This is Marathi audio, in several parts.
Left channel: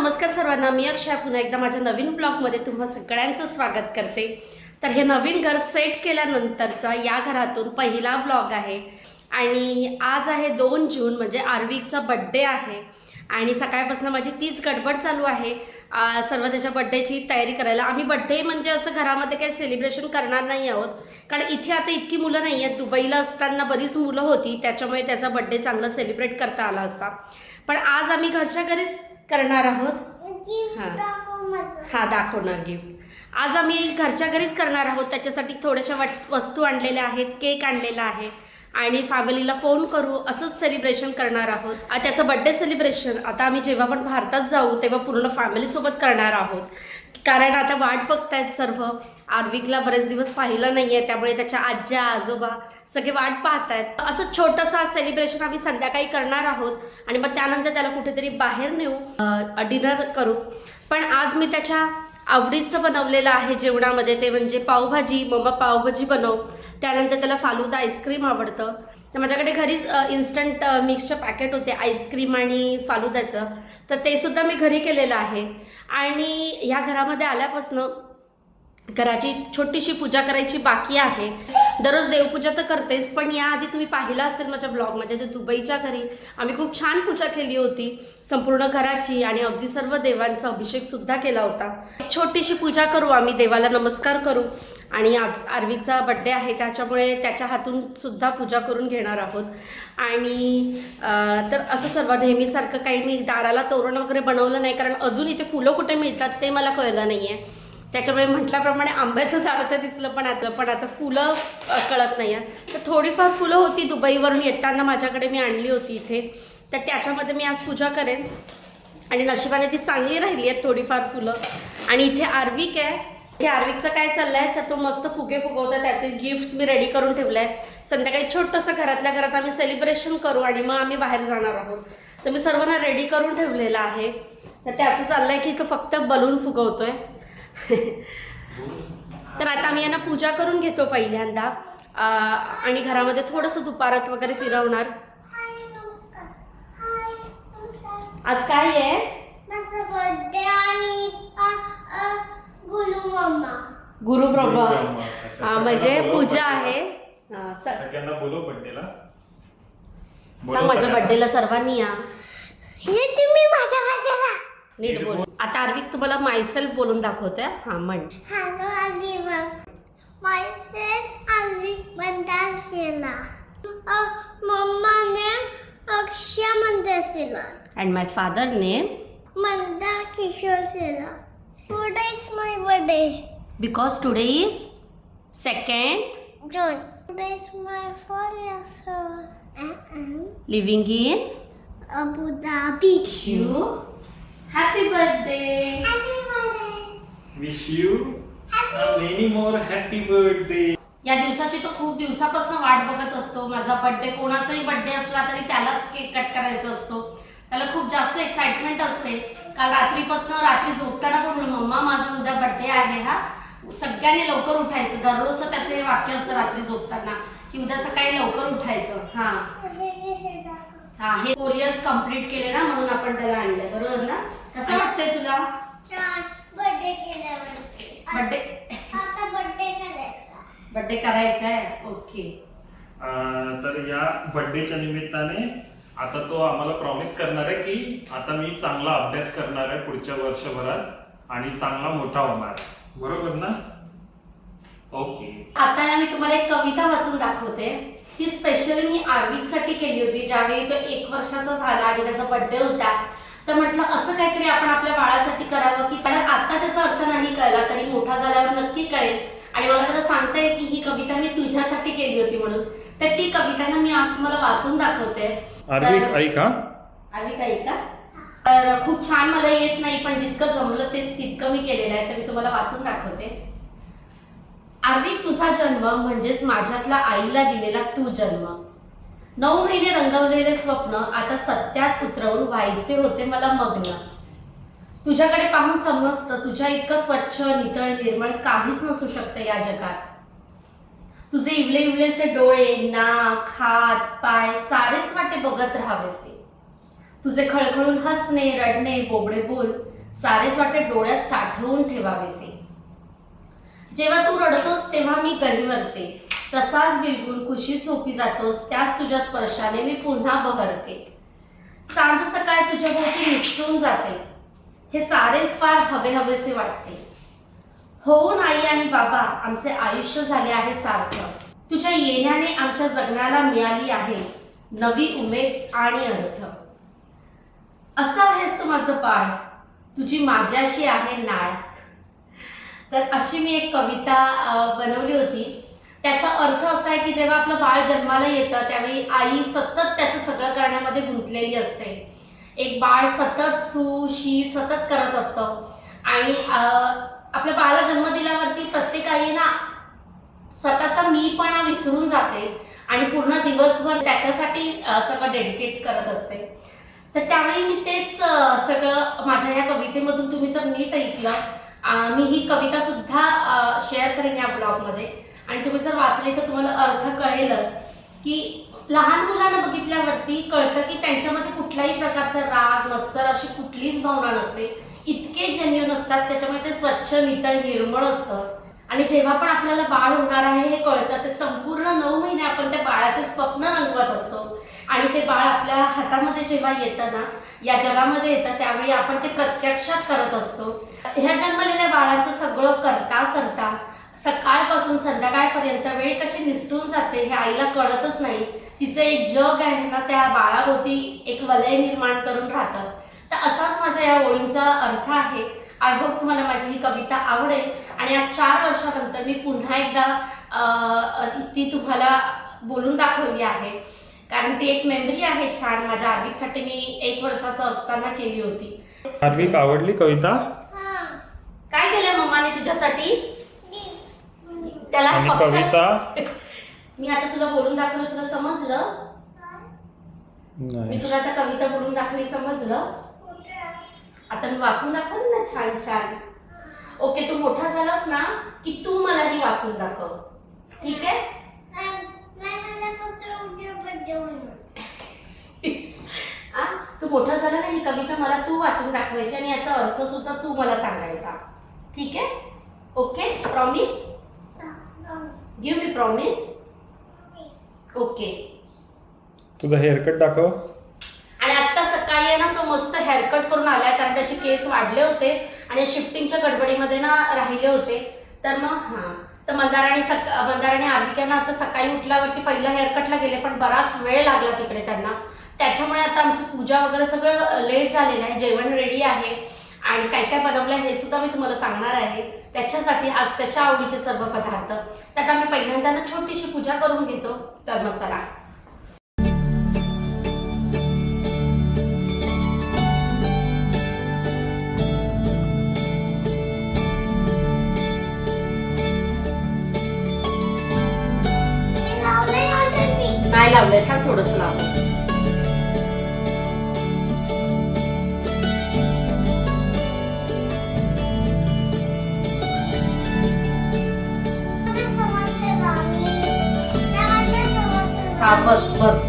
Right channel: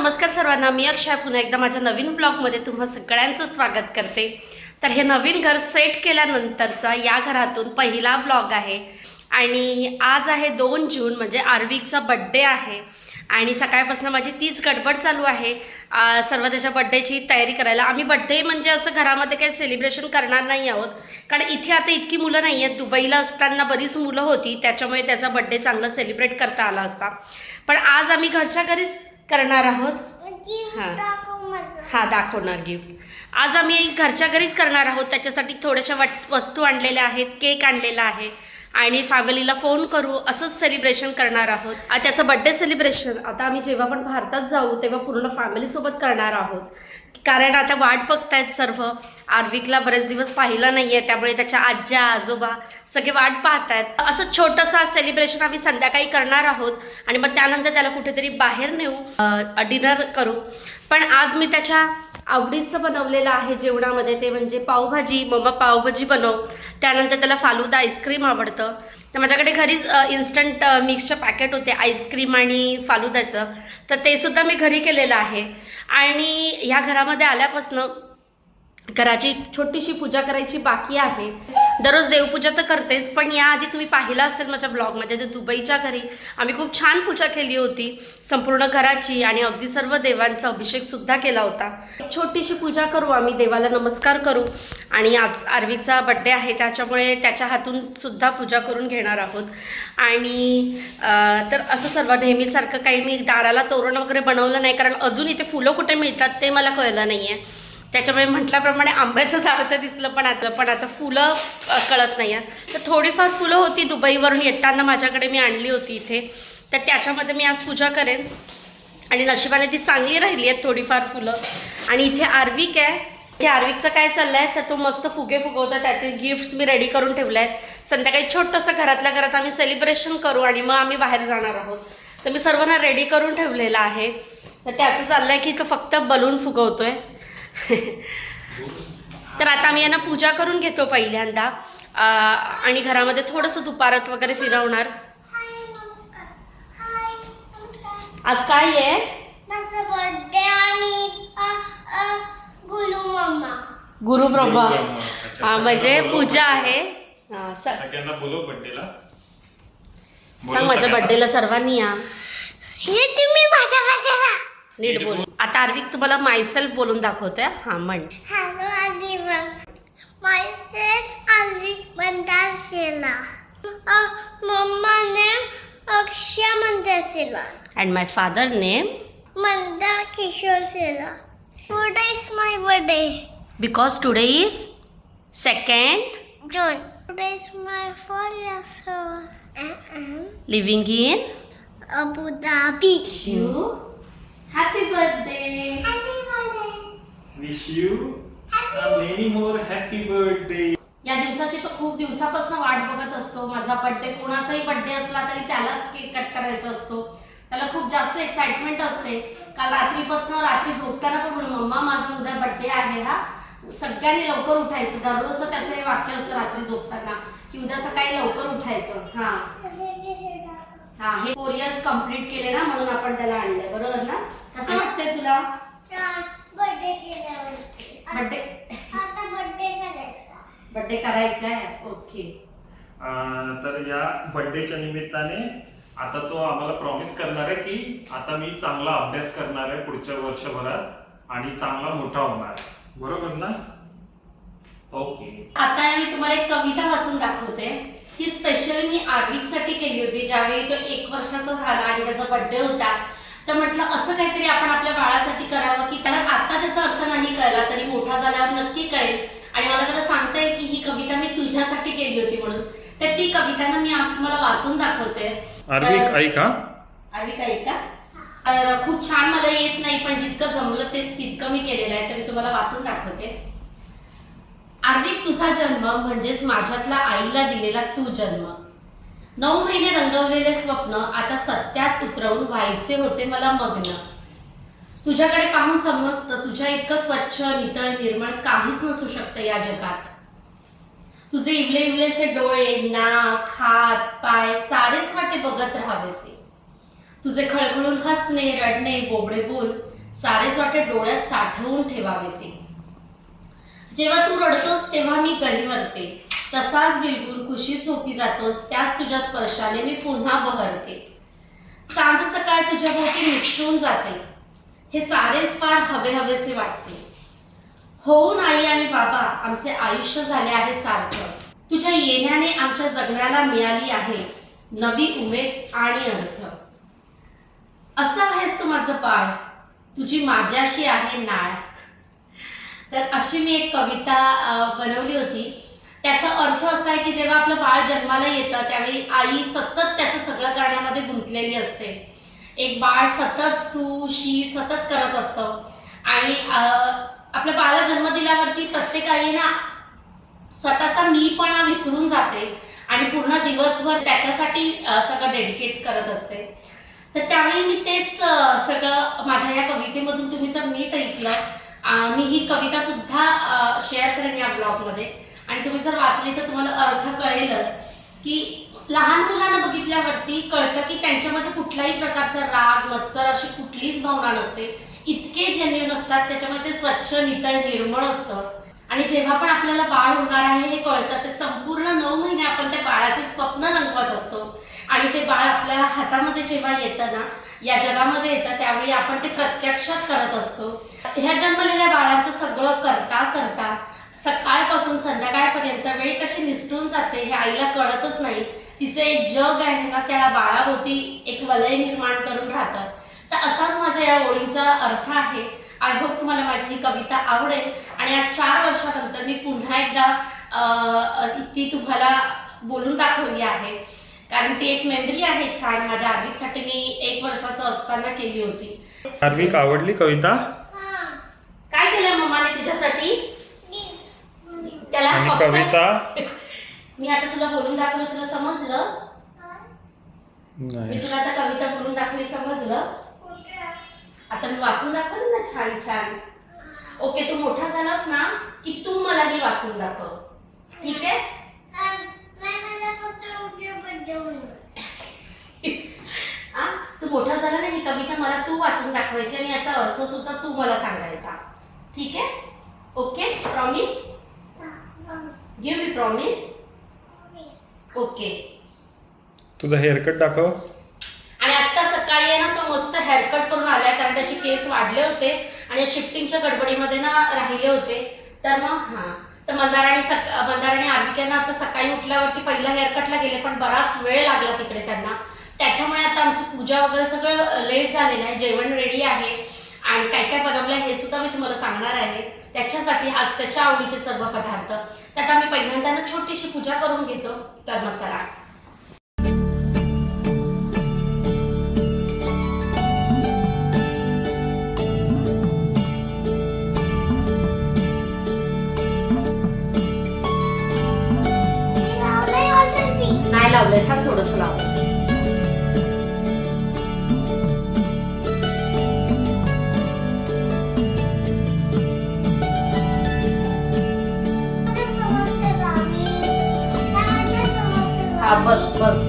नमस्कार सर्वांना, मी अक्षय पुन्हा एकदा माझ्या नवीन व्लॉगमध्ये तुम्हा सगळ्यांचं स्वागत करते। तर हे नवीन घर सेट केल्यानंतरचा या घरातून पहिला व्लॉग आहे आणि आज आहे 2 जून म्हणजे आर्विकचा बर्थडे आहे आणि सकाळपासून माझी तीच गडबड चालू आहे सर्व त्याच्या बर्थडेची तयारी करायला। आम्ही बर्थडे म्हणजे असं घरामध्ये काही सेलिब्रेशन करणार नाही आहोत, कारण इथे आता इतकी मुलं नाही आहेत। दुबईला असताना बरीच मुलं होती, त्याच्यामुळे त्याचा बर्थडे चांगला सेलिब्रेट करता आला असता, पण आज आम्ही घरच्या घरीच करणार आहोत। हां दाखवणार गिफ्ट। आज आम्ही घरच्या घरीच करणार आहोत, त्याच्यासाठी थोड्याशा वस्तू आणलेल्या आहेत, केक आणलेला आहे आणि फॅमिलीला फोन करू असंच सेलिब्रेशन करणार आहोत। त्याचं बर्थडे सेलिब्रेशन आता आम्ही जेव्हा पण भारतात जाऊ तेव्हा पूर्ण फॅमिलीसोबत करणार आहोत, कारण आता वाट बघतायत सर्व। आर्विकला बरेच दिवस पाहिलं नाही आहे, त्यामुळे त्याच्या आज्या आजोबा सगळे वाट पाहत आहेत। असं छोटंसं सेलिब्रेशन आम्ही संध्याकाळी करणार आहोत आणि मग त्यानंतर त्याला कुठेतरी बाहेर नेऊ, डिनर करू। पण आज मी त्याच्या आवडीचं बनवलेलं आहे जेवणामध्ये, ते म्हणजे पावभाजी। मम्मा पावभाजी बनव, त्यानंतर त्याला फालुदा आईस्क्रीम आवडतं, तर माझ्याकडे घरीच इन्स्टंट मिक्सचं पॅकेट होते आईस्क्रीम आणि फालुद्याचं, तर ते सुद्धा मी घरी केलेलं आहे। आणि ह्या घरामध्ये आल्यापासून घराची छोटीशी पूजा करायची बाकी आहे। दररोज देवपूजा तर करतेच, पण याआधी तुम्ही पाहिलं असेल माझ्या ब्लॉगमध्ये, तर दुबईच्या घरी आम्ही खूप छान पूजा केली होती संपूर्ण घराची आणि अगदी सर्व देवांचा अभिषेकसुद्धा केला होता। छोटीशी पूजा करू आम्ही, देवाला नमस्कार करू आणि आज आर्विकचा बर्थडे आहे त्याच्यामुळे त्याच्या हातून सुद्धा पूजा करून घेणार आहोत। आणि तर असं सर्व नेहमीसारखं काही मी दाराला तोरण वगैरे बनवलं नाही, कारण अजून इथे फुलं कुठे मिळतात ते मला कळलं नाही आहे, त्याच्यामुळे म्हटल्याप्रमाणे आंब्याचं झाड तर दिसलं, पण आता फुलं कळत नाही आहे। तर थोडीफार फुलं होती दुबईवरून येताना माझ्याकडे मी आणली होती इथे, तर त्याच्यामध्ये मी आज पूजा करेन आणि नशिबाने ती चांगली राहिली आहेत थोडीफार फुलं। आणि इथे आर्विक आहे, इथे आर्विकचं काय चाललं आहे तर तो मस्त फुगे फुगवतो, त्याचे गिफ्ट्स मी रेडी करून ठेवलं आहे। संध्याकाळी छोटंसं घरातल्या घरात आम्ही सेलिब्रेशन करू आणि मग आम्ही बाहेर जाणार आहोत, तर मी सर्वांना रेडी करून ठेवलेलं आहे। तर त्याचं चाललं आहे की तो फक्त बलून फुगवतोय। तर आता आम्ही यांना पूजा करून घेतो पहिल्यांदा आणि घरामध्ये थोडंसं दुपारात वगैरे फिरवणार। आज काय आहे? माझा बर्थडे आणि गुरु ब्रह्मा म्हणजे पूजा आहे। सगळ्यांना बोलव बर्थडेला, सांग माझ्या बर्थडेला सर्वांनी या। हे तुम्ही माझ्या बर्थडेला नीट बोल। आता आर्विक तुम्हाला मायसेल्फ बोलून दाखवते। हां म्हण। Hello everyone, myself Aarvik Bandashela, mumma name Akshay Mandashela and my father name Manda Kishor Sela. Today is my birthday because today is 2nd June. Today is my 4 years old. I am living in Abu Dhabi. You. Happy birthday. Happy birthday. Wish you many more happy birthday. या दिवसाची तो खूप दिवसापासून वाट बघत असतो। माझा बर्थडे, कोणाचाही बर्थडे असला तरी त्यालाच केक कट करायचा असतो, त्याला खूप जास्त एक्साइटमेंट असते। काल रात्री झोपताना पण म्हणून मम्मा माझा उद्या बर्थडे आहे हा, सगळ्यांनी लवकर उठायचं। दररोजचं त्याचं हे वाक्य असतं रात्री झोपताना की उद्या सकाळी लवकर उठायचं। हा हे 4 years कंप्लीट केले ना, म्हणून आपण त्याला आणलंय, बरोबर ना? कसं वाटतंय तुला? बर्थडे केल्यावर बर्थडे आता बर्थडे करायचा आहे। ओके। तर या बर्थडेच्या निमित्ताने आता तो आम्हाला प्रॉमिस करणार आहे की आता मी चांगला अभ्यास करणार आहे पुढच्या वर्षभरात आणि चांगला मोठा होणार, बरोबर ना? ओके। आता मी तुम्हाला एक कविता वाचून दाखवते, ती स्पेशली मी आर्विकसाठी केली होती। ज्यावेळी तो 1 वर्षाचा झाला आणि त्याचा बर्थडे होता, तर म्हटलं असं काहीतरी आपण आपल्या बाळासाठी करावं की त्याला आता त्याचा अर्थ नाही कळला तरी मोठा झाल्यावर नक्की कळेल। आणि मला त्याला सांगता येईल की ही कविता मी तुझ्यासाठी केली होती म्हणून, तर ती कविता ना मी आज तुम्हाला वाचून दाखवते। आर्विक ऐका, आर्विक ऐका। तर खूप छान मला येत नाही, पण जितकं जमलं ते तितकं मी केलेलं आहे, तर मी तुम्हाला वाचून दाखवते। आर्विक, तुझा जन्म म्हणजेच माझ्यातला आईला दिलेला तू जन्म। 9 महिने रंगवलेले स्वप्न आता सत्यात उतरवून व्हायचे होते मला मग्न। तुझ्याकडे पाहून समजतं तुझ्या इतकं स्वच्छ नितळ निर्मळ काहीच नसू शकतं या जगात। तुझे इवले इवलेसे डोळे, नाक, हात, पाय सारेच वाटे बघत राहावेसे। तुझे खळखळून हसणे, रडणे, बोबडे बोल सारेच वाटे डोळ्यात साठवून ठेवावेसे. जेव्हा तू रडतोस तेव्हा मी गहिवरते, तसाच बिलकुल कुशीत झोपी जातोस त्याच तुझ्या स्पर्शाने मी पुन्हा बहरते. सांज सकाळ तुझ्या भोवती निसटून जाते, हे सारेच फार हवे हवेसे वाटते. होऊन आई आणि बाबा आमचे आयुष्य झाले आहे सार्थक. तुझ्या येण्याने आमच्या जगण्याला मिळाली आहे नवी उमेद आणि अर्थ. असं आहेस तू माझं बाळ, तुझी माझ्याशी आहे नाळ. तर अशी मी एक कविता बनवली होती. त्याचा अर्थ असा आहे की जेव्हा आपलं बाळ जन्माला येतं त्यावेळी आई सतत त्याचं सगळं करण्यामध्ये गुंतलेली असते. एक बाळ सतत सू शी सतत करत असतं आणि आपल्या बाळाला जन्म दिल्यावरती प्रत्येक आई ना स्वतःचा मीपणा विसरून जाते आणि पूर्ण दिवसभर त्याच्यासाठी सगळं डेडिकेट करत असते. तर त्यावेळी मी तेच सगळं माझ्या या कवितेमधून तुम्ही जर नीट ऐकलं, मी ही कविता सुद्धा शेअर करेन या ब्लॉगमध्ये आणि तुम्ही जर वाचली तर तुम्हाला अर्थ कळेलच की लहान मुलांना बघितल्यावरती कळतं की त्यांच्यामध्ये कुठल्याही प्रकारचा राग मत्सर अशी कुठलीच भावना नसते. इतके जेन्युइन असतात, त्याच्यामध्ये ते स्वच्छ नितळ निर्मळ असतं. आणि जेव्हा पण आपल्याला बाळ होणार आहे हे कळतं ते संपूर्ण 9 महिने आपण त्या बाळाचे स्वप्न रंगवत असतो आणि ते बाळ आपल्या हातामध्ये जेव्हा येतं ना, या जगामध्ये येतं त्यावेळी आपण ते प्रत्यक्षात करत असतो. ह्या जन्मलेल्या बाळाचं सगळं करता करता सकाळपासून संध्याकाळपर्यंत वेळ कशी निसटून जाते हे आईला कळतच नाही. तिचं एक जग आहे ना त्या बाळाभोवती एक वलय निर्माण करून राहतं. तर असाच माझ्या या ओळींचा अर्थ आहे. आय होप तुम्हाला माझी ही कविता आवडेल आणि आज 4 वर्षानंतर मी पुन्हा एकदा ती तुम्हाला बोलून दाखवली आहे, कारण ती एक मेमरी आहे छान. माझ्या आर्विकसाठी मी 1 वर्षाचं असताना केली होती. आर्विक, आवडली कविता? काय केलं मम्माने तुझ्यासाठी? त्याला आणि फक्त कविता मी आता तुला बोलून दाखवलं, तुला समजलं? मी नाही. तुला आता कविता बोलून दाखवली, समजलं? आता मी वाचून दाखवलं ना छान छान. ओके, तू मोठा झालास ना की तू मला ही वाचून दाखव, ठीक आहे? तू मोठा झाला ना ही कविता मला तू वाचून दाखवायची आणि याचा अर्थ सुद्धा तू मला सांगायचा, ठीक आहे? Okay, promise? Give me promise. Okay. तुझा हेअरकट दाखव. आणि आत्ता सकाळी आहे ना तो मस्त हेअरकट करून आलाय, कारण त्याचे केस वाढले होते आणि शिफ्टिंगच्या गडबडीमध्ये ना राहिले होते. तर मग तर मंदाराने आर्विकांना आता सकाळी उठल्यावरती पहिला हेअरकटला गेले, पण बराच वेळ लागला तिकडे त्यांना. त्याच्यामुळे आता आमची पूजा वगैरे सगळं लेट झालेलं आहे. जेवण रेडी आहे आणि काय काय बनवलं हे सुद्धा मी तुम्हाला सांगणार आहे. त्याच्यासाठी आज त्याच्या आवडीचे सर्व पदार्थ. त्यात आम्ही पहिल्यांदा ना छोटीशी पूजा करून घेतो. तर मग चला. नाही लावलंय, थांब थोडंसं लावलंय. हा बस बस.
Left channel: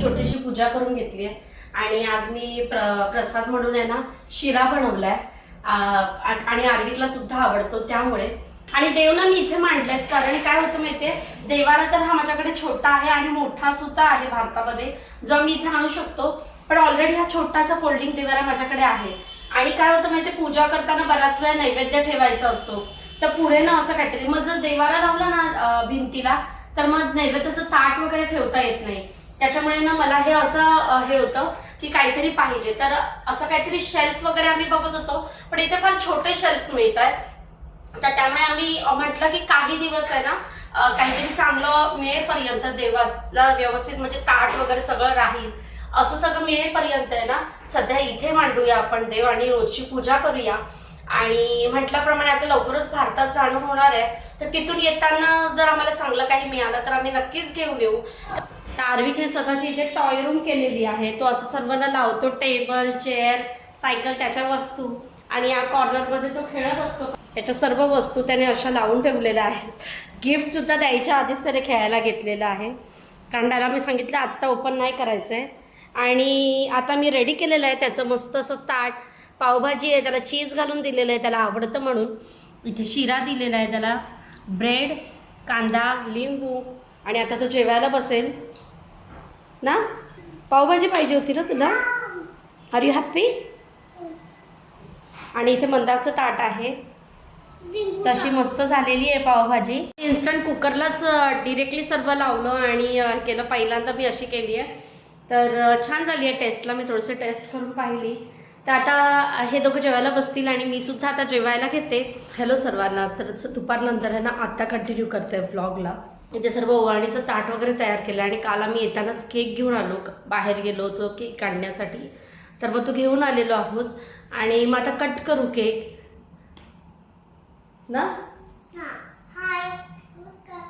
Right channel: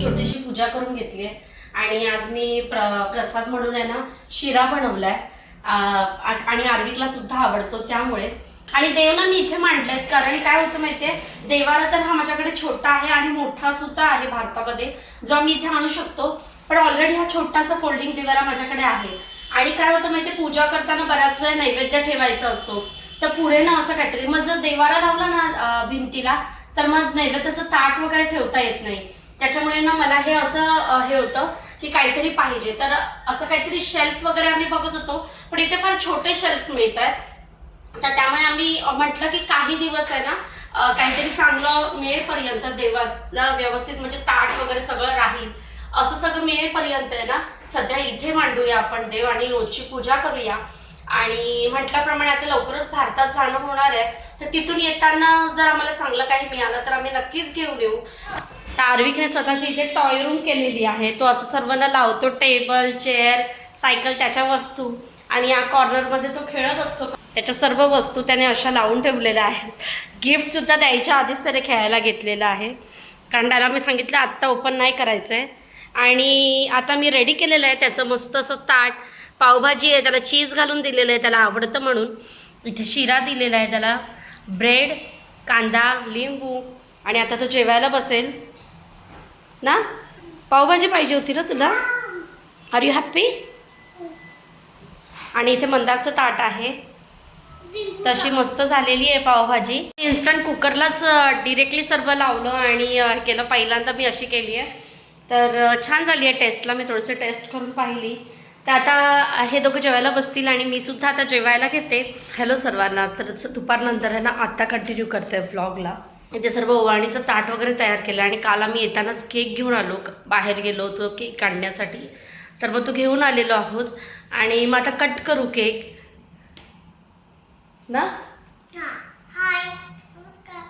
छोटीशी पूजा करून घेतली आहे आणि आज मी प्रसाद म्हणून आहे ना शिरा बनवलाय आणि आर्विकला सुद्धा आवडतो त्यामुळे. आणि देव ना मी इथे मांडलेत, कारण काय होतं माहितीये, देवाला तर हा माझ्याकडे छोटा आहे आणि मोठा सुद्धा आहे भारतामध्ये जो मी इथे आणू शकतो, पण ऑलरेडी हा छोटासा फोल्डिंग देवाला माझ्याकडे आहे. आणि काय होतं माहितीये, पूजा करताना बऱ्याच वेळा नैवेद्य ठेवायचा असतो, तर पुढे ना असं काहीतरी मग जर देवाला लावला ना भिंतीला तर मग नैवेद्याचं ताट वगैरे ठेवता येत नाही. त्याच्यामुळे ना मला हे असं हे होतं की काहीतरी पाहिजे, तर असं काहीतरी शेल्फ वगैरे आम्ही बघत होतो, पण इथे फार छोटे शेल्फ मिळत आहेत. तर त्यामुळे आम्ही म्हटलं की काही दिवस आहे ना काहीतरी चांगलं मिळेपर्यंत देवाला व्यवस्थित म्हणजे ताट वगैरे सगळं राहील असं सगळं मिळेपर्यंत आहे ना सध्या इथे मांडूया आपण देव आणि रोजची पूजा करूया. आणि म्हटल्याप्रमाणे आता लवकरच भारतात जाणं होणार आहे, तर तिथून येताना जर आम्हाला चांगलं काही मिळालं तर आम्ही नक्कीच घेऊन येऊ. तर आर्विकने स्वतःची इथे टॉय रूम केलेली आहे. तो असं सर्वांना लावतो, टेबल चेअर सायकल त्याच्या वस्तू, आणि या कॉर्नरमध्ये तो खेळत असतो. त्याच्या सर्व वस्तू त्याने अशा लावून ठेवलेल्या आहेत. गिफ्टसुद्धा द्यायच्या आधीच त्याने खेळायला घेतलेलं आहे, कारण त्याला मी सांगितलं आत्ता ओपन नाही करायचं आहे. आणि आता मी रेडी केलेलं आहे त्याचं मस्त असं ताट. पावभाजी आहे, त्याला चीज घालून दिलेलं आहे, त्याला आवडतं म्हणून. इथे शिरा दिलेला आहे त्याला, ब्रेड, कांदा, लिंबू. आणि आता तो जेवायला बसेल ना. पावभाजी पाहिजे होती ना तुला? Are you happy? आणि इथे मंदारचं ताट आहे, तशी मस्त झालेली आहे पावभाजी. इन्स्टंट कुकरलाच डिरेक्टली सर्व लावलं आणि केलं. पहिल्यांदा मी अशी केली आहे, तर छान झाली आहे टेस्टला. मी थोडंसं टेस्ट करून पाहिली. तर आता हे दोघं जेवायला बसतील आणि मी सुद्धा आता जेवायला घेते. हॅलो सर्वांना. तर दुपारनंतर आहे ना आत्ता कंटिन्यू करते व्लॉगला. इथे सर्व ओवाळणीचं ताट वगैरे तयार केलं आणि काल आम्ही येतानाच केक घेऊन आलो, बाहेर गेलो होतो केक काढण्यासाठी, तर मग तो घेऊन आलेलो आहोत. आणि मग आता कट करू केक ना. हाय नमस्कार.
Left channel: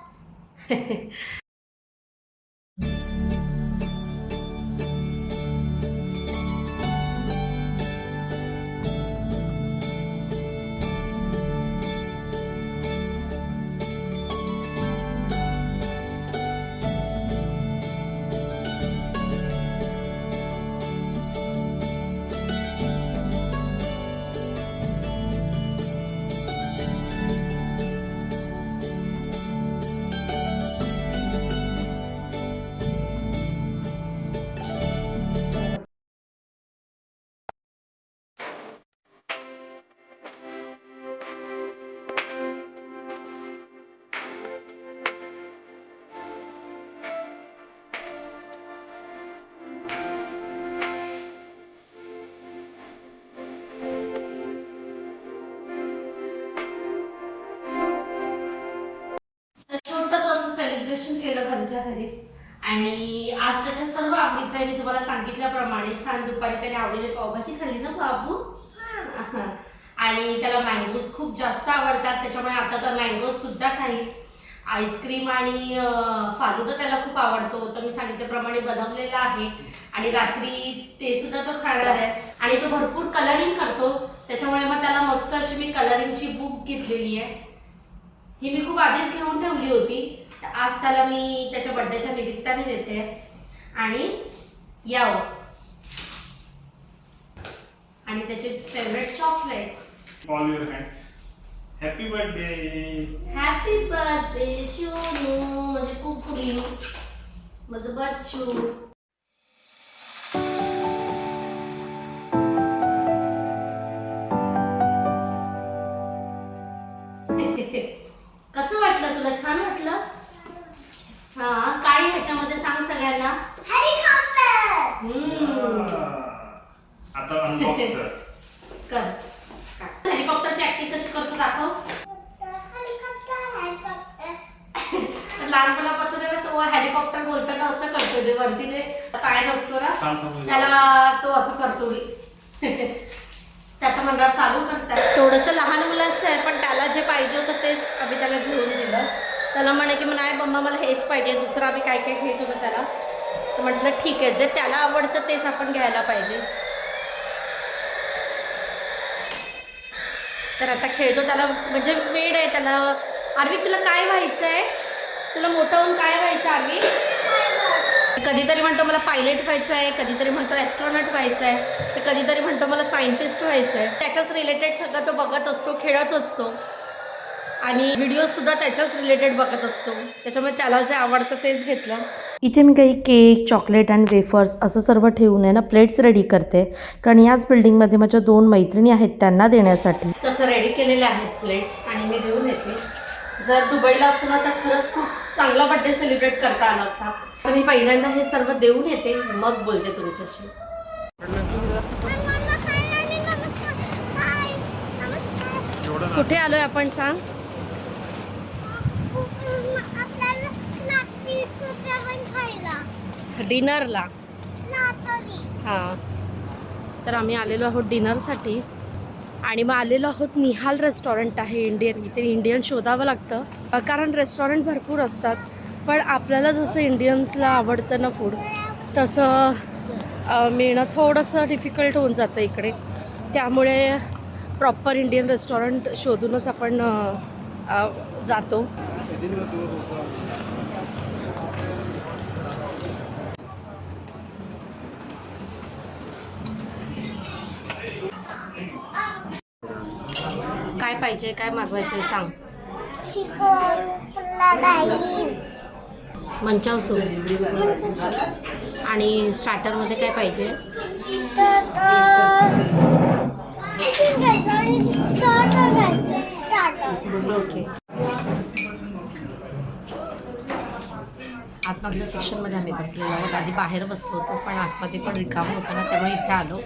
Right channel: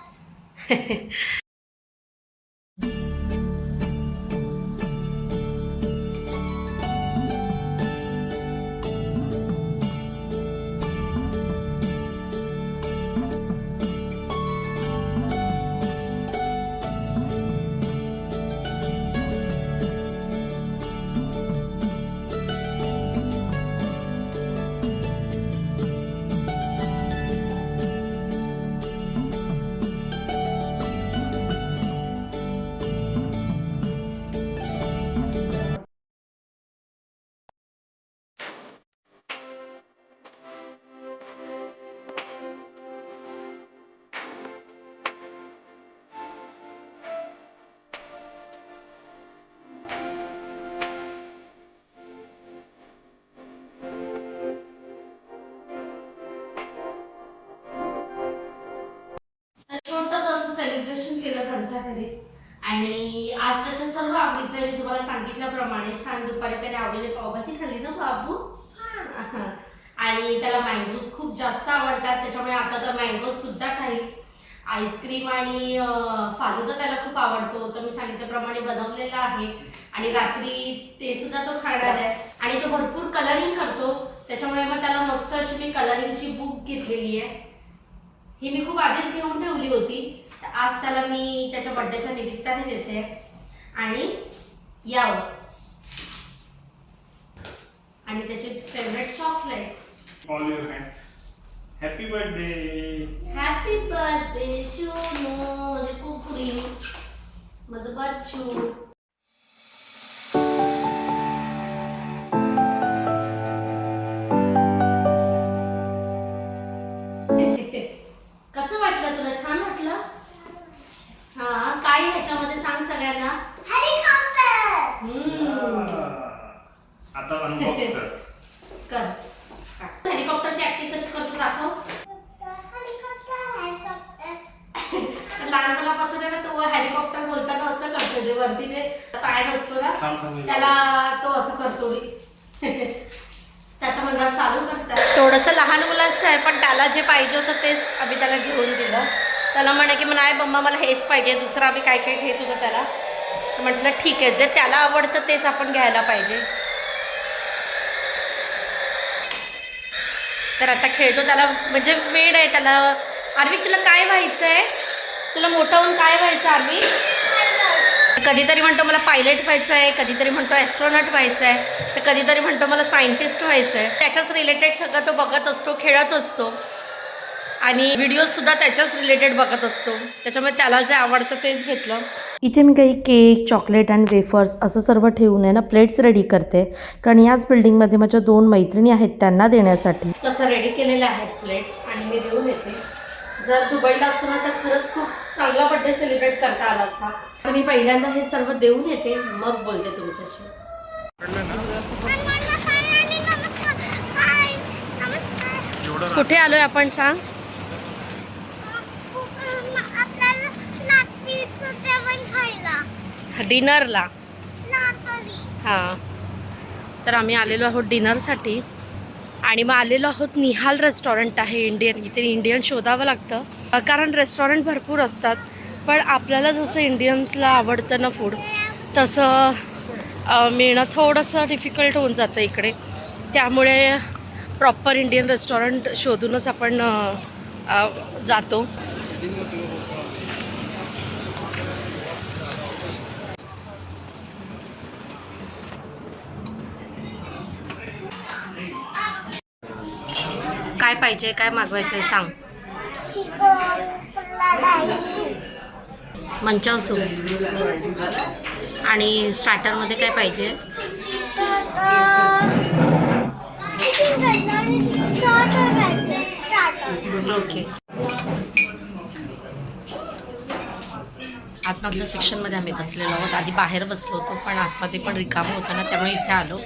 छोटंसं असं सेलिब्रेशन केलं घरच्या घरीच. आणि आज त्याच्या सर्व आवडीचं आहे. मी तुम्हाला सांगितल्याप्रमाणे छान दुपारी त्याने आवडीने पावभाजी खाल्ली ना बाबू. आणि त्याला मँगोज खूप जास्त आवडतात, त्याच्यामुळे आता तर मँगोज सुद्धा खाईल. आईस्क्रीम आणि फालुदा त्याला खूप आवडतो, तर मी सांगितल्याप्रमाणे बनवलेला आहे. आणि रात्री ते सुद्धा तो खाणार आहे. आणि तो भरपूर कलरिंग करतो, त्याच्यामुळे मग त्याला मस्त अशी मी कलरिंगची बुक घेतलेली आहे. ही मी खूप आधीच घेऊन ठेवली होती, तर आज त्याला मी त्याच्या बर्थडेच्या निमित्ताने देते. आणि याव आणि त्याचे favourite chocolates. All your hand. Happy birthday. Happy birthday Shonu, म्हणजे कुकुरी माझं बच्चू. कसं वाटलं तुला? छान वाटलं? हा, काय ह्याच्यामध्ये सांग सगळ्यांना. आता अनबॉक्स कर. हेलिकॉप्टरची ऍक्टिंग कशी करतो दाखव. लहानपणापासून आहे ना तो हेलिकॉप्टर बोलताना असं करतो, जे वरती जे फॅन असतो ना त्याला तो असं करतो. त्याचं म्हणणं चालू करतात. थोडंसं लहान मुलांचं आहे, पण त्याला जे पाहिजे होतं तेच आम्ही त्याला घेऊन दिलं. त्याला म्हणे की नाही मम्मा मला हेच पाहिजे, दुसरं आम्ही काय काय घेत होतो त्याला. तर म्हटलं ठीक आहे, जे त्याला आवडतं तेच आपण घ्यायला पाहिजे. तर आता खेळतो, त्याला म्हणजे वेड आहे त्याला. आर्वी तुला काय व्हायचं आहे? तुला मोठं होऊन काय व्हायचं आर्वी? कधीतरी म्हणतो मला पायलट व्हायचं आहे, कधीतरी म्हणतो ॲस्ट्रॉनॉट व्हायचं आहे, तर कधीतरी म्हणतो मला सायंटिस्ट व्हायचं आहे. त्याच्याच रिलेटेड सगळं तो बघत असतो, खेळत असतो आणि व्हिडिओजसुद्धा त्याच्याच रिलेटेड बघत असतो. त्याच्यामुळे त्याला जे आवडतं तेच घेतलं. इथे मी काही केक, चॉकलेट आणि वेफर्स असं सर्व ठेवून आहे ना प्लेट्स रेडी करते, कारण याच बिल्डिंगमध्ये माझ्या 2 मैत्रिणी आहेत त्यांना देण्यासाठी. तसं रेडी केलेले आहेत प्लेट्स आणि मी देऊन येते. जर दुबईला असतो ना तर खरंच खूप चांगला बड्डे सेलिब्रेट करता आला असता. तर मी पहिल्यांदा हे सर्व देऊन येते, मग बोलते तुमच्याशी. नमस्कार. एवढं कुठे आलोय आपण सांग? आपल्याला नाचणीचं जेवण खायला. डिनरला. नाचणी. हां, तर आम्ही आलेलो आहोत डिनरसाठी आणि मग आलेलो आहोत निहाल रेस्टॉरंट आहे इंडियन. इथे इंडियन शोधावं लागतं कारण रेस्टॉरंट भरपूर असतात, पण आपल्याला जसं इंडियन्सला आवडतं ना फूड तसं मिळणं थोडंसं डिफिकल्ट होऊन जातं इकडे. त्यामुळे प्रॉपर इंडियन रेस्टॉरंट शोधूनच आपण जातो. काय पाहिजे, काय मागवायचं आहे सांग. चिकन, पुन्हा डाळी. मंचाव सूप आणि स्टार्टरमध्ये काय पाहिजे? चिकन घ्यायचं आणि स्टार्टर घ्यायचं. स्टार्टर. ओके. आतमधल्या सेक्शनमध्ये आम्ही बसलेलो आहोत. आधी बाहेर बसलो होतो, पण आतमध्ये पण रिकामं होतं ना, त्यामुळे इथे आलो.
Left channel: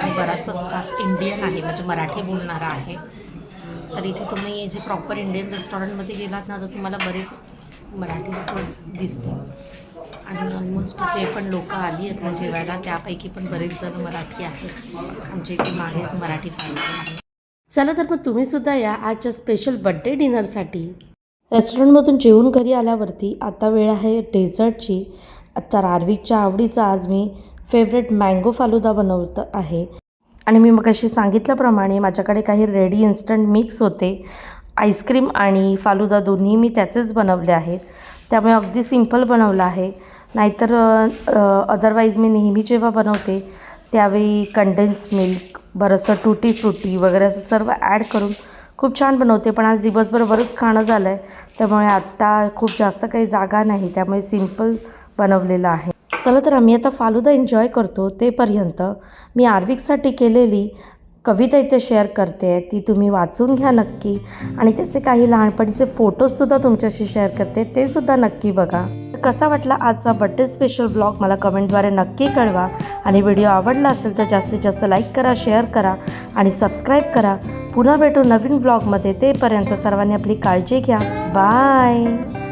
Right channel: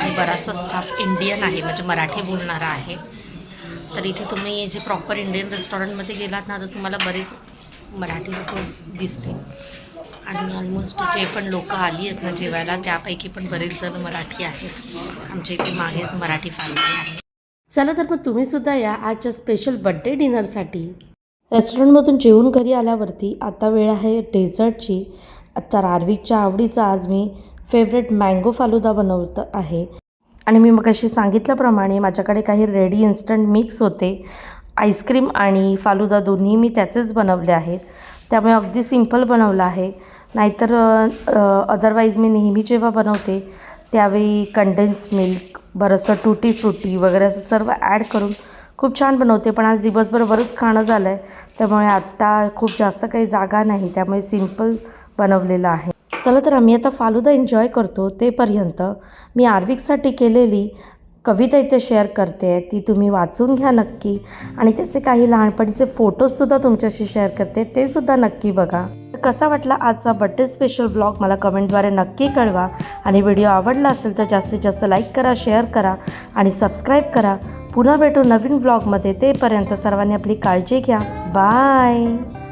आणि बराचसा स्टाफ इंडियन आहे, म्हणजे मराठी बोलणारा आहे. तर इथे तुम्ही जे प्रॉपर इंडियन रेस्टॉरंटमध्ये गेलात ना, तर तुम्हाला बरेच मराठी लोक दिसतील. आणि ऑलमोस्ट जे पण लोक आली आहेत ना जेवायला, त्यापैकी पण बरेच जण मराठी आहेत. आमच्या इथे मागेच मराठी फॅमिली आहे. चला तर मग तुम्हीसुद्धा या आजच्या स्पेशल बड्डे डिनरसाठी. रेस्टॉरंटमधून जेवून घरी आल्यावरती आता वेळ आहे डेझर्टची. आता आर्विकच्या आवडीचा आज मी फेवरेट मँगो फालुदा बनवत आहे. आणि मी मगाशी सांगितल्याप्रमाणे माझ्याकडे काही रेडी इन्स्टंट मिक्स होते. आईस्क्रीम आणि फालुदा दोन्ही मी त्याचेच बनवले आहेत, त्यामुळे अगदी सिंपल बनवलं आहे. नाहीतर अदरवाईज मी नेहमी जेव्हा बनवते त्यावेळी कंडेन्स मिल्क, बरंचसं टूटी फ्रुटी वगैरे असं सर्व ॲड करून खूप छान बनवते. पण आज दिवसभर बरंच खाणं झालं आहे, त्यामुळे आत्ता खूप जास्त काही जागा नाही, त्यामुळे सिंपल बनवलेलं आहे. चला तर आम्ही आता फालुदा एन्जॉय करतो. तेपर्यंत मी आर्विकसाठी केलेली कविता इथे शेअर करते, ती तुम्ही वाचून घ्या नक्की. आणि त्याचे काही लहानपणीचे फोटोजसुद्धा तुमच्याशी शेअर करते, ते सुद्धा नक्की बघा. कसा वाटला आजचा बड्डे स्पेशल व्लॉग मला कमेंटद्वारे नक्की कळवा. आणि व्हिडिओ आवडला असेल तर जास्तीत जास्त लाईक करा, शेअर करा आणि सबस्क्राईब करा. पुन्हा भेटू नवीन व्लॉगमध्ये. तेपर्यंत सर्वांनी आपली काळजी घ्या. बाय.